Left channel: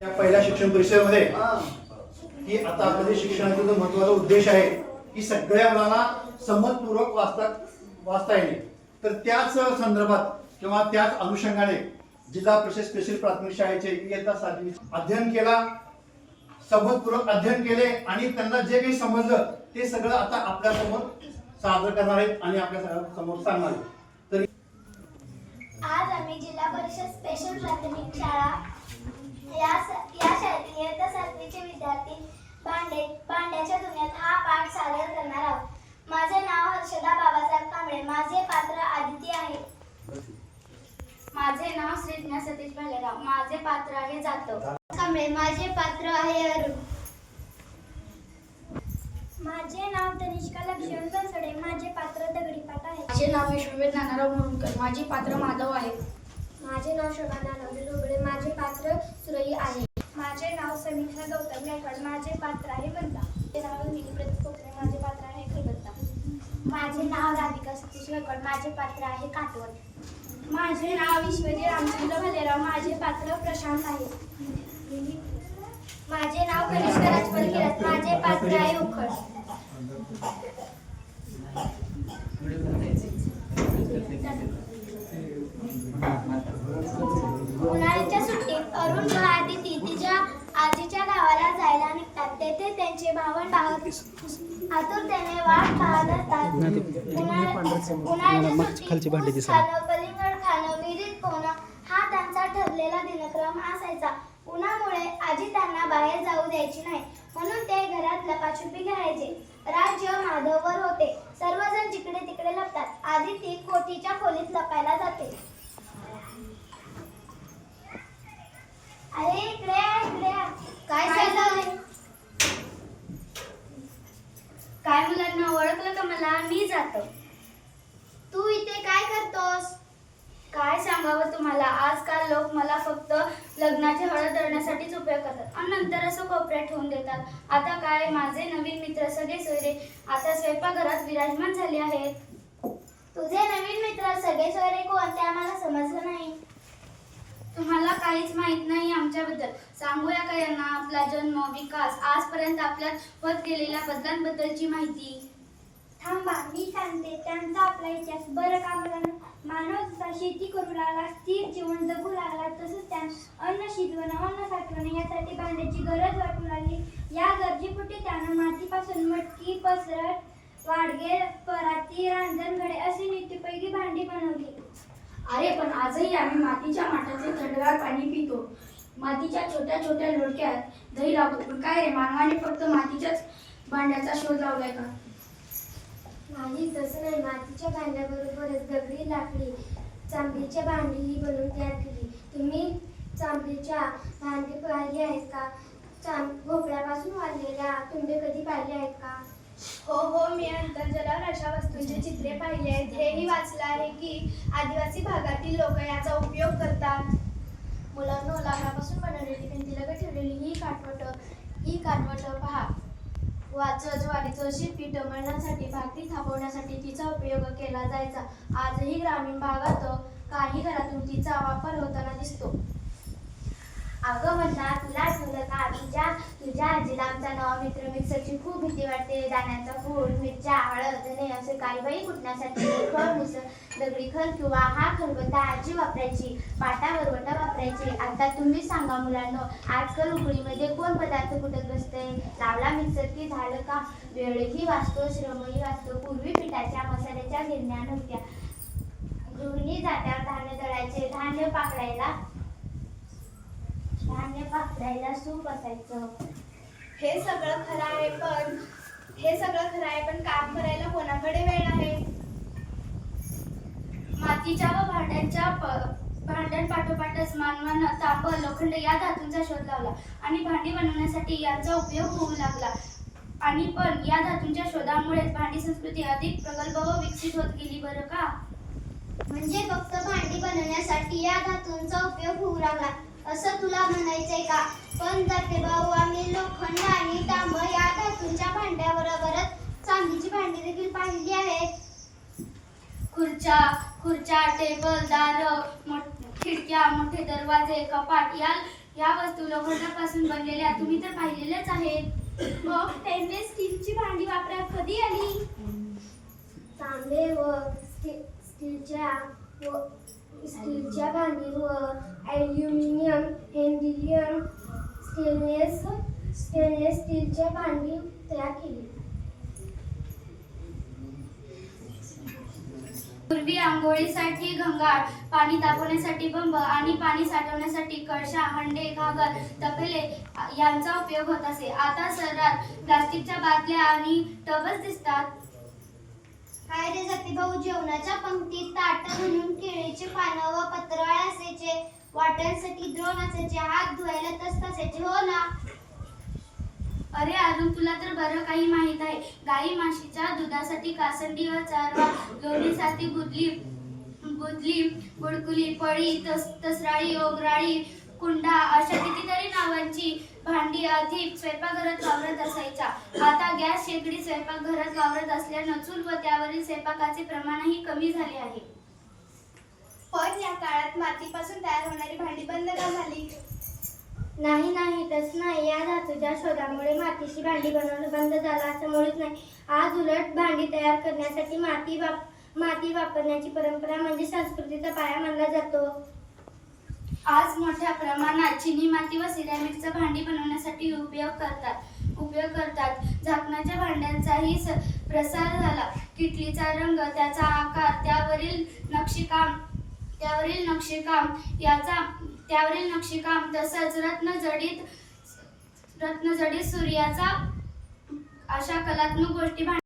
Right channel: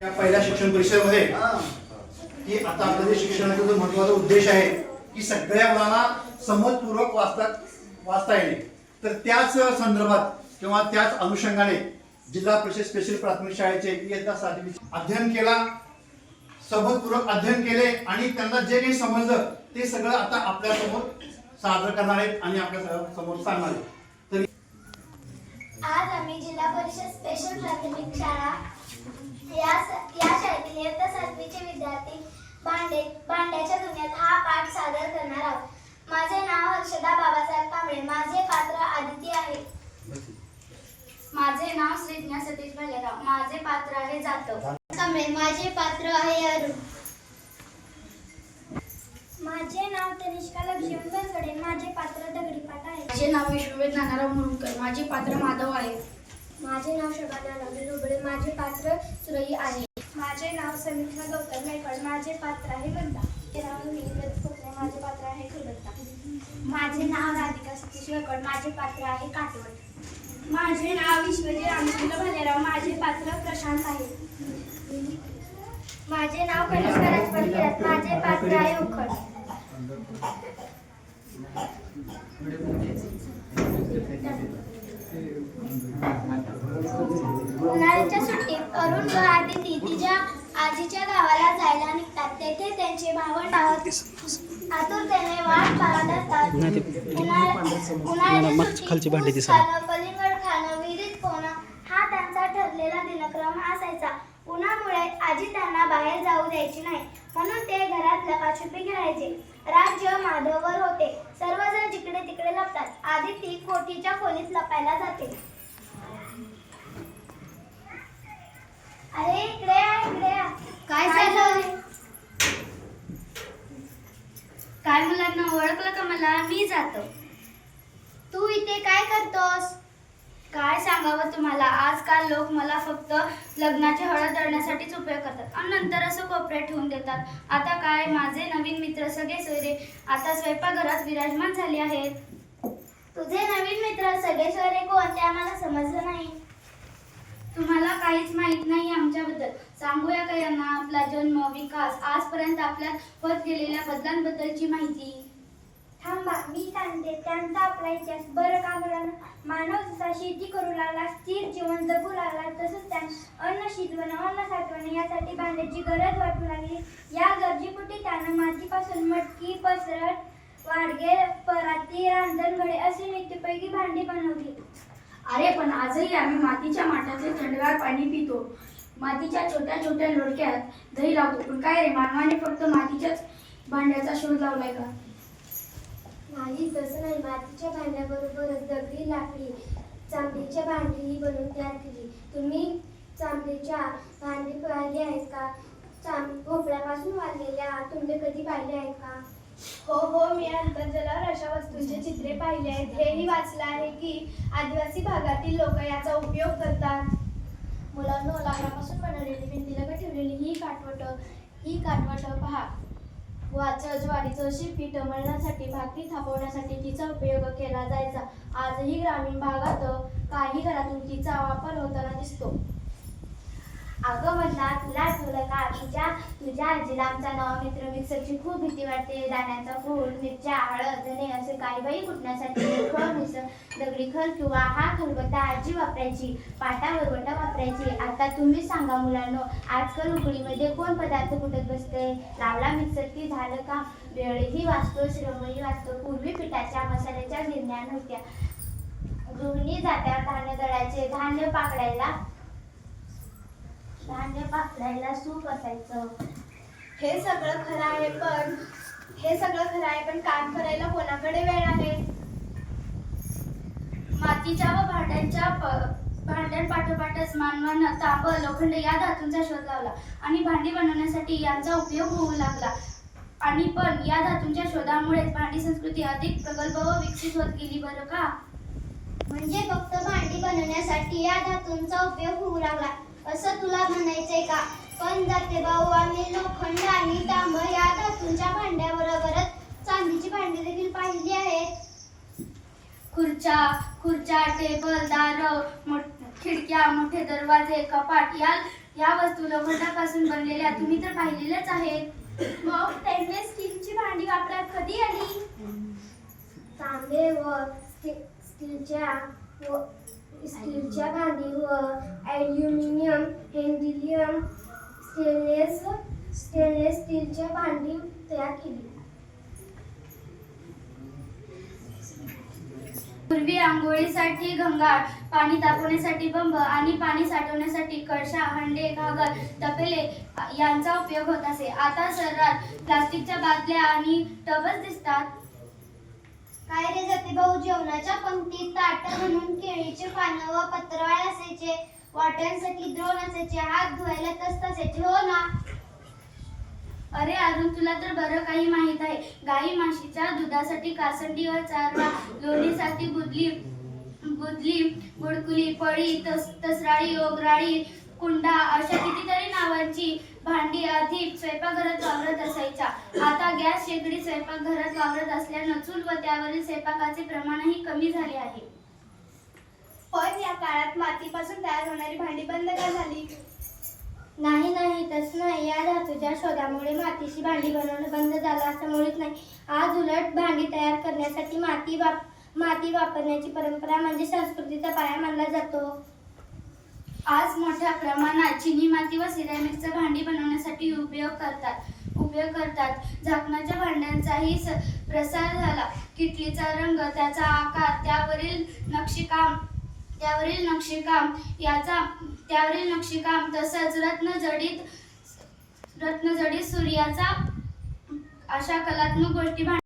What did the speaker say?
या पहिल्या शिक्षण परिषदेमध्ये की आता आपलं जे शिक्षणाचा जो महत्त्वाचा उद्देश आहे की सगळ्या मुलांना समजपूर्वक वाचता वाचता येणे तर त्याच संदर्भात किंवा त्याच अनुषंगाने जिल्हा परिषद स्पेशल प्राथमिक शाळेचे इयत्ता सातवी अध्ययन केला समजपूर्वक अध्ययन केले आणि त्यांना जे काही समजलं ते सगळं आता आपल्यासमोर सादर करणार आहेत आणि आपल्यासमोर सांगणार आहेत. तर आज आम्ही जिल्हा परिषद स्पेशल प्राथमिक शाळा या शाळेतील इयत्ता सातवीचे विद्यार्थी भांडे भांड्याच्या दुनियात हा पाठ सादर करणार आहोत. माझे नाव हर्षदा बाबासाहेब कांबळे. माझे पात्र आदिती आहे. माझे नाव श्रीज्ञा सतीश भालेराव. माझे पात्र आहे जाधव. कांबळे माझे पात्र आहे अरुण. माझे नाव तनिष्का लक्ष्मण बनसोडे. माझे पात्र दगडीपाट आहे. माझे नाव विश्ववेद नानाराव मुरुमकर माझे पात्र माधव आहे. माझे नाव शोभा नानावले डोबळे माझे पात्र सुरई आहे. माझे नाव समीक्षा गौतम गायकवाड माझे पात्र आहे बंदा ते नाव निवृत्त कोकणे. माझे पात्र आहे खलबत्ता माझे नाव राधिका सतीश गायकवाड माझे पात्र आहे काटवड माझे नाव विश्वजी रामचंद्र भालेराव. माझे पात्र प्रशांत आहे. माझे नाव कनिष्का राजपत किरत. माझे पात्र आहे उखड. उन्हाळ्याच्या सुट्टीत अरुण व आदिती तिच्या आजीच्या गावाला जायला निघतात. तेथे त्यांचे भावंड आतुरतेने वाट पाहत असतात. उन्हाळ्या- उन्हाळ्याच्या खालची भांडी कलिंगड खाणं विहिरीत पोहणं हा त्यांचा ठरलेला दिनक्रम असायचा. उन्हामुळे आजी त्यांना बाहेर जाऊ द्यायची नाही. म्हणून ते घरात लपाछुपी खेळायचे राज्य माधववर होते. सर्वजण जिकडे तिकडे लपतात. आदिती कोठीच्या खोलीत लपायला जाते अरे इकडे या, इकडे या. काय काय झालं? झालं? काय मुलांना ओळखलं का मला मी जातो. तू इथे काय करतोस? काय सांगावं तुम्हाला? आजकाल लोक मला फक्त लग्नाची हळद धरण्यासाठीच उपयोग करतात आणि नंतर असं कोपऱ्यात ठेवून देतात. आता काय? माझे नवीन मित्र सगळे सोयरे. आता स्वयंपाकघरात विराजमान झाले आहेत. तुझे नवीन मित्र सगळे सोयरे कोण? ते आम्हाला समजलं नाही. तुम्हाला काहीच माहीत नाही आमच्याबद्दल. सांगूया का यांना? आपला जन्म विकास आजपर्यंत आपल्यात होत गेलेल्या बदलांबद्दलची माहिती. थांबा मी सांगते. त्यांचा आपला इतिहास. बरं का मुलांना? मानव जसा शेती करू लागला स्थिर जीवन जगू लागला तसंच त्यांना अन्न शिजवणं अन्न साठवणं यासाठी भांड्याची गरज वाटू लागली. या गरजेपुटी त्यानं मातीपासून मटकी पसरट वाडगे पराती रांजणघडे असे नित्यपैकी भांडी बनवली. अरे पण आजही आम्ही मातीच्या माठाचे थंडगार पाणी पितो. मातीच्या छोट्या छोट्या लोडक्यात दही लावतो. पण काय रे मानवाने फक्त मातीच्याच भांड्याचा शोध लावलाय का? नाही तसं नाही. मातीच्या भांड्याबरोबरच दगडी लाकडी चांदीच्या भांडीही बनवून तयार केली. तुम्ही चांदीच्या भांडी पाहिली आहेत का? चांद भोपळ्यापासून वाढलेल्या तुम्ही कधी पाहिले आहेत का? हो हो मी आंतरजलावर अशा वस्तूंचे चित्रे पाहिले आहेत. हेही वाचलं आहे की आदिवासी भागातील लोक याचा उपयोग करतात. मुलांना लाकडापासून बनवलेली भिंतीला ठेवलेली ही काटवट ही काठवट पहा. वाच ज्वारीचं अशी पीठ मळण्यासाठी भाकरी थापवण्यासाठी तिचा उपयोग केला जायचा. आजही ग्रामीण भागात काही घरातून तिचा वापर होताना दिसतो. अगं म्हटला तुला आठवलं का? तुझ्या तुझ्या आजीला आमचा नवा मित्र मिक्सरची खूप भीती वाटते. दाण्याचा फूल मिरच्या हळद धने असे काही बाई कुटण्यासाठी खळ मिसळ दगडी खळ किंवा हा खलबत्ता आजी वापरायची पाटा वरवटा वापरायची. आता तुम्ही सांगा मुलांनो आजकाल उकडीमध्ये कोण पदार्थ कुटत बसते लावला मिक्सर की झालं का? वेळही वाचतो श्रमही वाचतो. पूर्वी पिठाच्या मसाल्याच्या गिरण्या नव्हत्या. गृहिणी जात्या धान्य दळायचे धान्य पाकडायला धान्य पाकडायला सूप असायचं. हे सगळं खरं आहे पण हे सगळं खरं आहे पण काम करायला कोणाकडे वेळ आहे? मातीच्या व भांड्यांच्या भांड्यां पाठोपाठच मानवानं तांब लोखंड या धातूंचा शोध लावला आणि भांडी बनवण्यासाठी यांचा उपयोग होऊ लागला. आणि पण या धातूंच्या शोधामुळेच भांडी संस्कृती अधिक प्रगल्भ व विकसित होत गेली बरं का? म्हणजे फक्त भांडी बनवण्यासाठी या धातूंचा उपयोग होऊ लागला. असं तुला म्हणायचंय का? पण जाते भाऊ आम्ही लोखंड आणि तांब या धातूंच्या भांड्याबरोबरच चांदीची भांडी देखील पाहिली आहेत. खुर्च्या खुर्च्या टेबल दार मोठ- खिडक्या मोठे दरवाजे कपाट या या वस्तू लोखंडापासून बनलेल्या तुम्ही तर पाहिलेल्याच आहेत. मग स्टेनलेस स्टीलची भांडी वापरात कधी आली? तांबे व स्टी- स्टीलच्या स्टीलच्या भांडी व ॲल्युमिनियम हेंडिलियम स्टेनलेस स्टेनलेस स्टीलच्या भांडी तयार केली. पूर्वी आंघोळीसाठी घंगाळ पाणी तापवण्यासाठी बंब आणि पाणी साठवण्यासाठी कळशा हंडे घागर तपेले यांचा उपयोग होत असे. आता सर्रास प्लास्टिकच्या बादल्या आणि टबच दिसतात. काय रे जाते भाऊ जेवणाच्या पंक्तीत ताट म्हणून केळीचे पानं व पत्रावळ असायचे. वाट्यांसाठी द्रोण असायचे हात धुवायला तस तसायचे हो ना? अरे अरुण तुला तर बरं काही माहीत आहे. गाई माशीच्या दुधासाठी कासंडीवर चारवा लोणीसाठी बुदली बुदली बुडकुली पळी तस तसराळी ओगराळी कुंडा अशा किती स्वयंपाकघरात वावरत असायच्या. आता गॅस शेगडी स्वयंपाकघरात वावरत असल्यानं चूल व त्यावरील स्वयंपाकाचे प्रमाणही कमी झाले आहे. पण या काळात मातीपासून तयार होणारी भांडी बंद का झाली? नाही नाही तसं नाही. या धातूच्या शोधामुळे मातीची भांडी बनवणं बंद झालं असं मुळीच नाही. आज उलट भांडी तयार करण्यासाठी माती वाप माती वापरण्याची परंपरा म्हणजे संस्कृतीचा पाया मानला जातो. आज मोठ्या प्रमाणात चिनी माती व सिरॅमिकचं भांडी बनवण्यासाठी उपयोग करतात. उपयोग करतात. झाकणाच्या भांड्यांचाही स- प्रसार झाला. किटलीचा रंग त्याचा आकार त्यावरील नक्षीकाम त्यावरील नक्षीकाम याचा त्यावरील नक्षीकाम तसंच रत्नजडित रत्नजडित सूर्याचा अशा कलात्मक गोष्टी भांड